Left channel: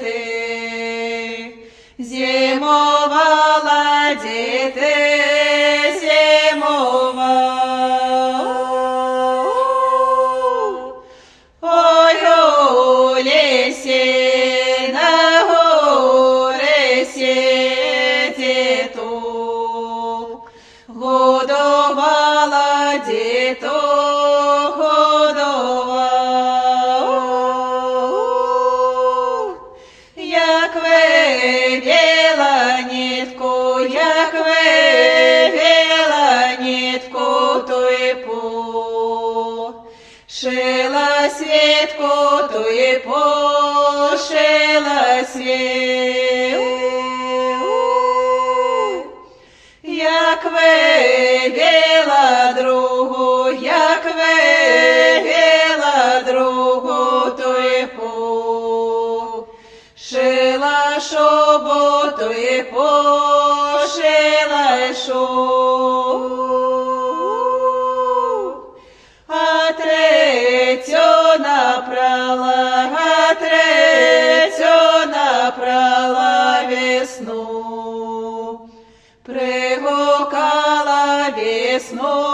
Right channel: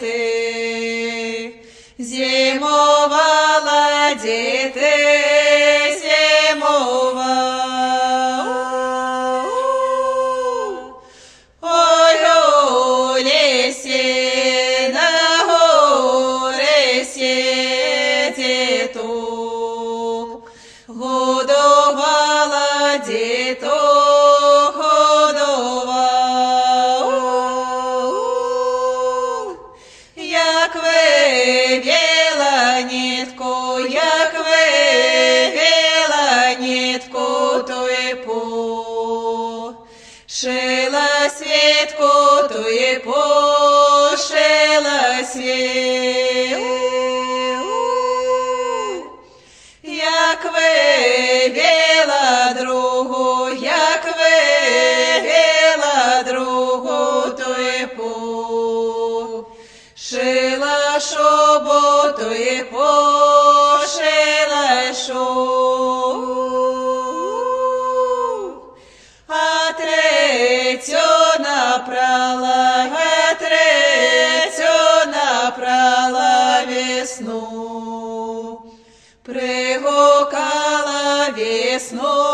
діти, зимувала діти, зимувала. Ой, у лісі на горі діток, годувала діток, годувала. Як вивіла нитку, як вивіла нитку, то й пошила світку, то й пошила світку. Як вивіла другу, як вивіла другу, то й пошила шубу, то й пошила шубу. А третю напрала, а третю напрала весну. Пригукала весну,